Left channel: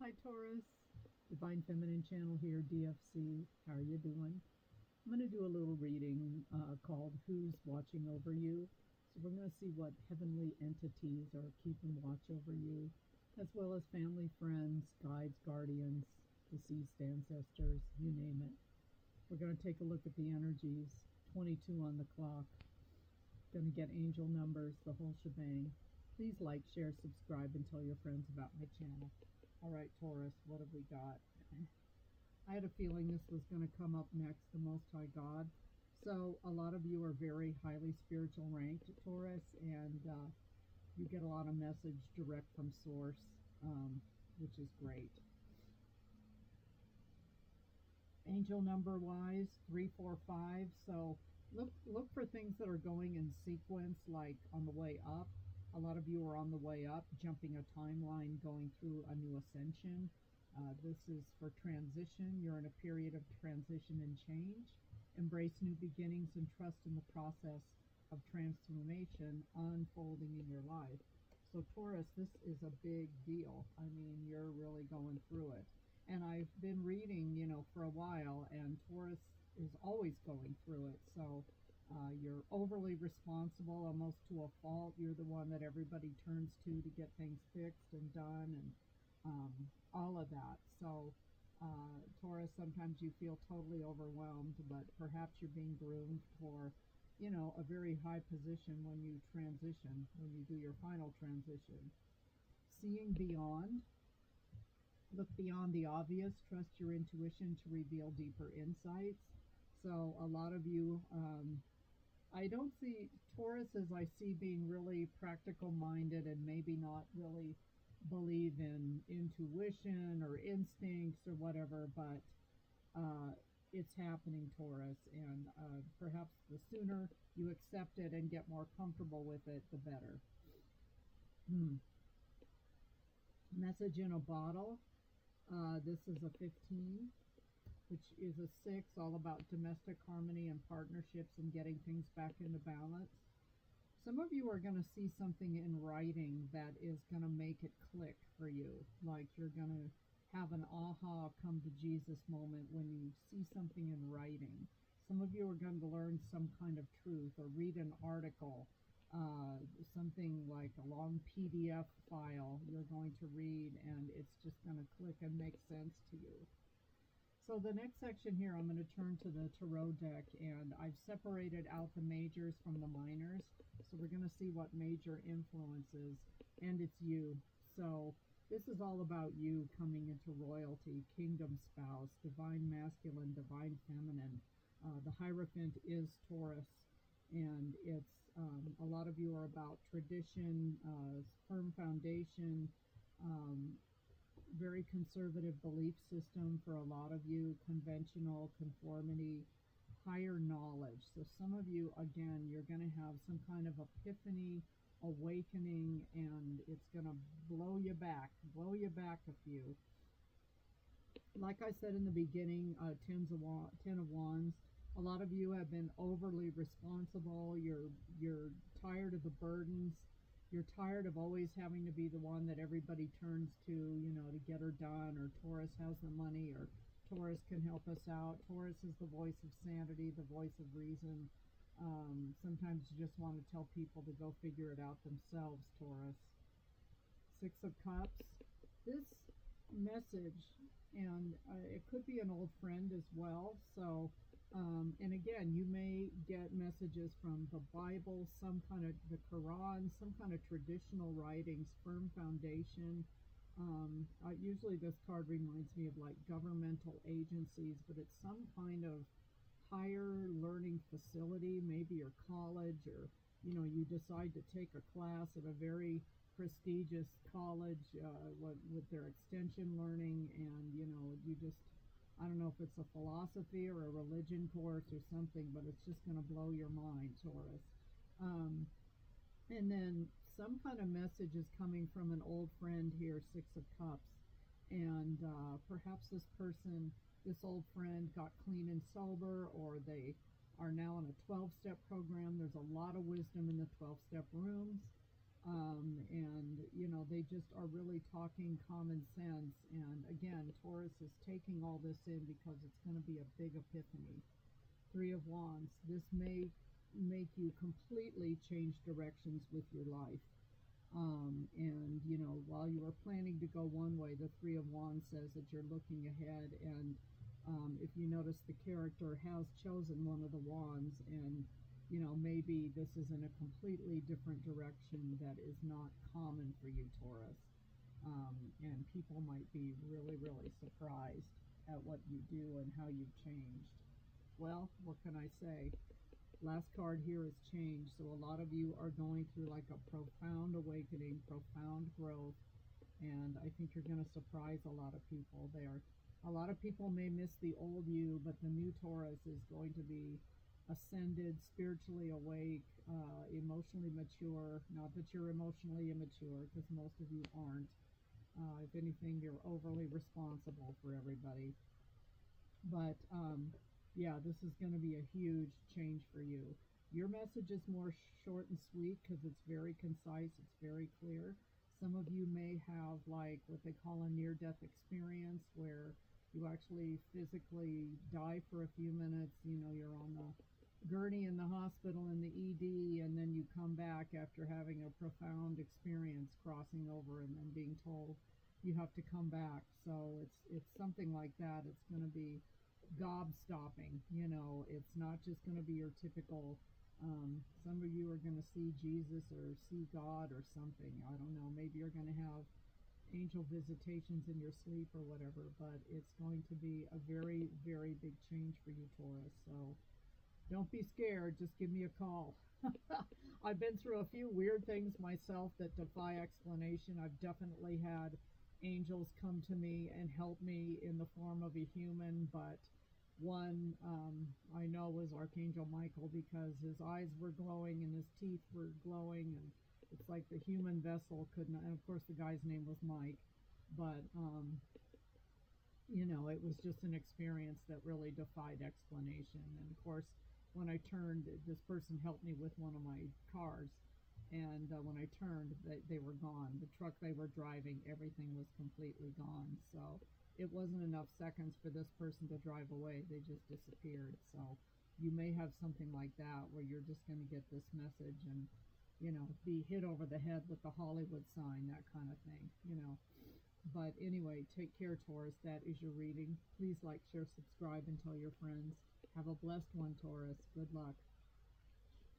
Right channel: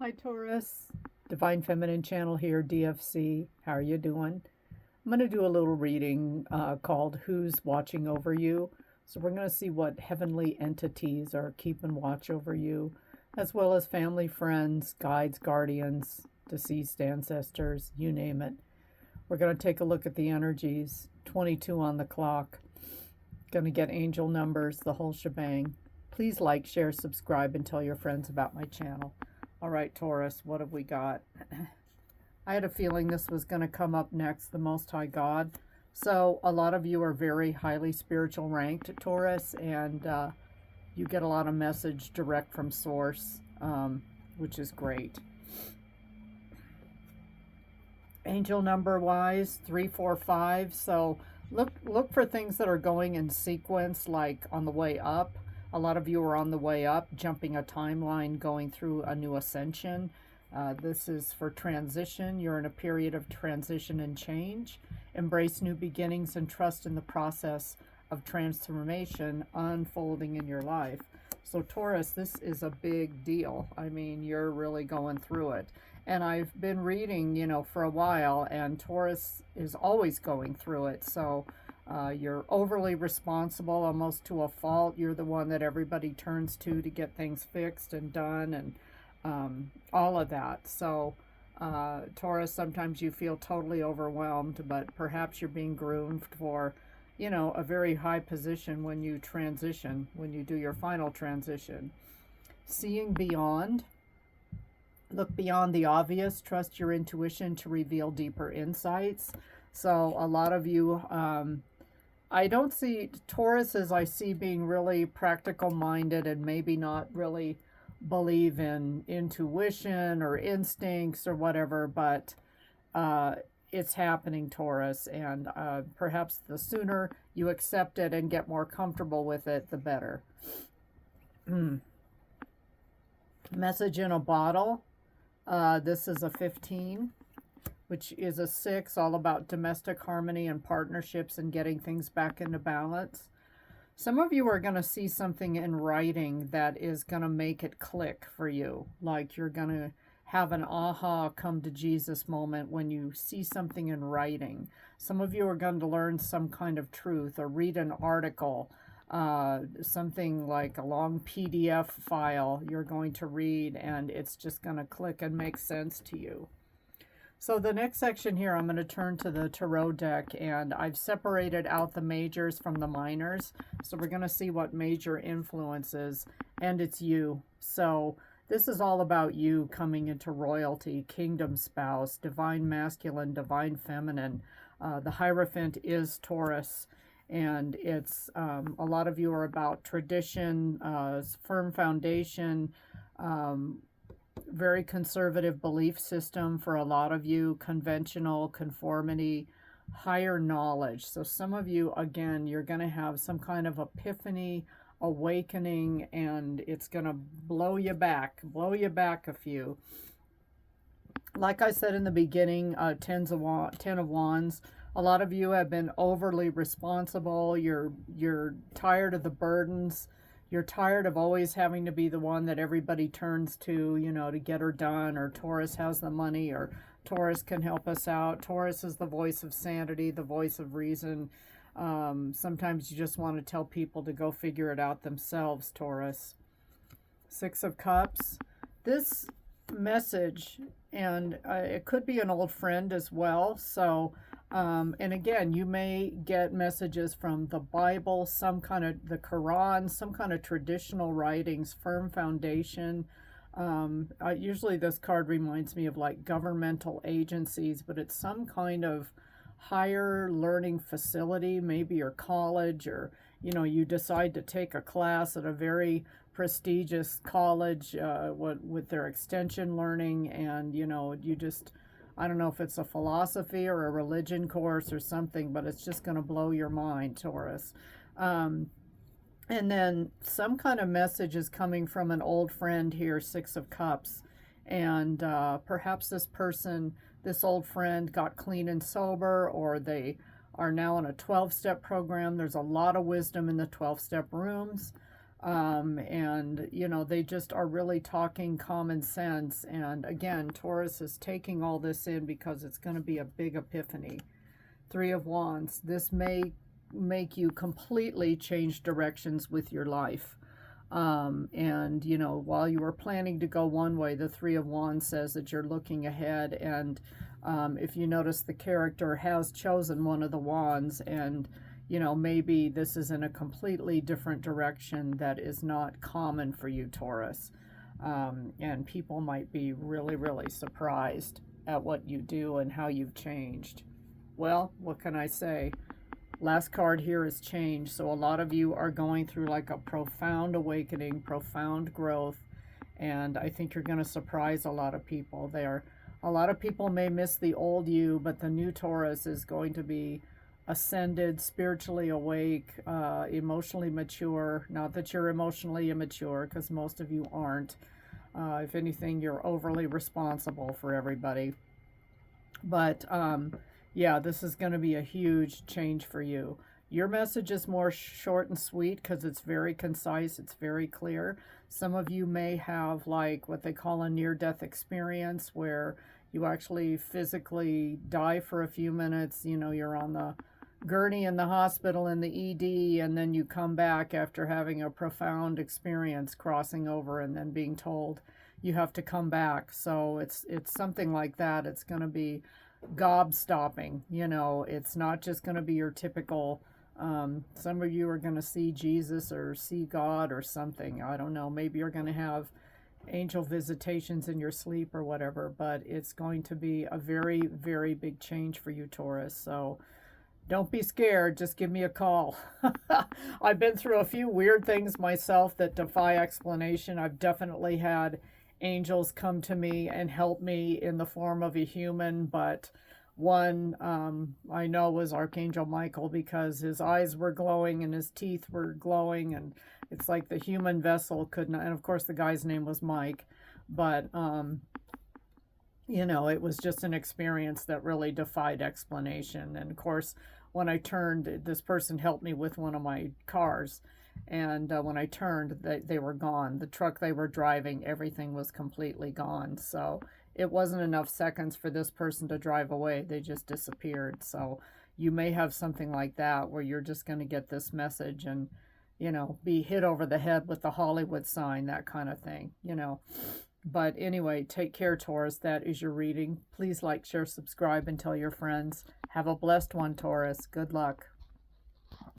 Hi Taurus, Divine Feminine Channel here, DFC. How are you doing? I'm going to do a little reading called Who's Watching Over You? So we're going to see what heavenly entities are keeping watch over you, as well as family, friends, guides, guardians, deceased ancestors, you name it. We're going to take a look at the energies, 22 on the clock. Going to get angel numbers, the whole shebang. Please like, share, subscribe, and tell your friends about my channel. All right, Taurus, what have we got? I had a feeling this was going to come up next, the Most High God. So a lot of you are very highly spiritual ranked, Taurus, and you get a lot of message direct from source, which is great. Angel number wise, 345. So look for things that are going in sequence, like on the way up. A lot of you are on the way up, jumping a timeline, going through a new ascension. This is for transition. You're in a period of transition and change. Embrace new beginnings and trust in the process of transformation unfolding in your life. So Taurus, this is a big deal. I mean, you're really going through it. And I've been reading, for a while, and Taurus is always going through it. So you're overly responsible, almost to a fault. You're the one that everybody turns to get things fixed and done, and all of that. So Taurus, sometimes you feel totally overwhelmed, but perhaps you're being groomed for, a very high position when you transition, when you do your final transition. Seeing beyond. Look beyond the obvious. Trust your intuition to reveal deeper insights. So a lot of you, I don't see Taurus as I see being really practical minded and maybe not really believe in intuition or instincts or whatever, but it's happening, Taurus, and perhaps the sooner you accept it and get more comfortable with it, the better. Message in a bottle. This is a 15, which is a 6, all about domestic harmony and partnerships and getting things back into balance. Some of you are going to see something in writing that is going to make it click for you. Like you're going to have an aha, come to Jesus moment when you see something in writing. Some of you are going to learn some kind of truth or read an article, something like a long PDF file you're going to read, and it's just going to click and make sense to you. So the next section here, I'm going to turn to the tarot deck, and I've separated out the majors from the minors. So we're going to see what major influences, and it's you. So this is all about you coming into royalty, kingdom spouse, divine masculine, divine feminine. The Hierophant is Taurus, and it's a lot of you are about tradition, firm foundation, very conservative belief system for a lot of you, conventional, conformity, higher knowledge. So some of you, again, you're going to have some kind of epiphany, awakening, and it's going to blow you back a few. Like I said in the beginning, 10 of Wands. A lot of you have been overly responsible. You're tired of the burdens. You're tired of always having to be the one that everybody turns to, to get her done, or Taurus has the money, or Taurus can help us out. Taurus is the voice of sanity, the voice of reason. Sometimes you just want to tell people to go figure it out themselves, Taurus. 6 of Cups. This message, and it could be an old friend as well. So, and again, you may get messages from the Bible, some kind of the Quran, some kind of traditional writings, firm foundation. Usually this card reminds me of like governmental agencies, but it's some kind of higher learning facility, maybe your college, or, you decide to take a class at a very prestigious college with their extension learning, and, you just, I don't know if it's a philosophy or a religion course or something, but it's just going to blow your mind, Taurus. And then some kind of message is coming from an old friend here, 6 of Cups. And perhaps this old friend got clean and sober, or they are now in a 12-step program. There's a lot of wisdom in the 12-step rooms. And, you know, they just are really talking common sense. And again, Taurus is taking all this in because it's going to be a big epiphany. Three of Wands. This may make you completely change directions with your life. And, you know, while you were planning to go one way, the Three of Wands says that you're looking ahead. And if you notice, the character has chosen one of the wands, and, you know, maybe this is in a completely different direction that is not common for you, Taurus. And people might be really, really surprised at what you do and how you've changed. Well, what can I say? Last card here is change. So a lot of you are going through like a profound awakening, profound growth, and I think you're going to surprise a lot of people there. A lot of people may miss the old you, but the new Taurus is going to be ascended, spiritually awake, emotionally mature. Not that you're emotionally immature, because most of you aren't. If anything, you're overly responsible for everybody. But yeah, this is going to be a huge change for you. Your message is more short and sweet because it's very concise, it's very clear. Some of you may have like what they call a near-death experience where you actually physically die for a few minutes. You know, you're on the gurney in the hospital in the ED, and then you come back after having a profound experience crossing over and then being told you have to come back. So it's something like that. It's going to be gobstopping. You know, it's not just going to be your typical, some of you are going to see Jesus or see God or something. I don't know. Maybe you're going to have angel visitations in your sleep or whatever, but it's going to be a very, very big change for you, Taurus. So don't be scared. Just give me a call. I've been through a few weird things myself that defy explanation. I've definitely had angels come to me and help me in the form of a human, but one I know was Archangel Michael, because his eyes were glowing and his teeth were glowing, and it's like the human vessel could not, and of course the guy's name was Mike, but you know, it was just an experience that really defied explanation. And of course, when I turned, this person helped me with one of my cars. And when I turned, they were gone. The truck they were driving, everything was completely gone. So it wasn't enough seconds for this person to drive away. They just disappeared. So you may have something like that where you're just going to get this message and, you know, be hit over the head with the Hollywood sign, that kind of thing, you know. But anyway, take care, Taurus. That is your reading. Please like, share, subscribe, and tell your friends. Have a blessed one, Taurus. Good luck.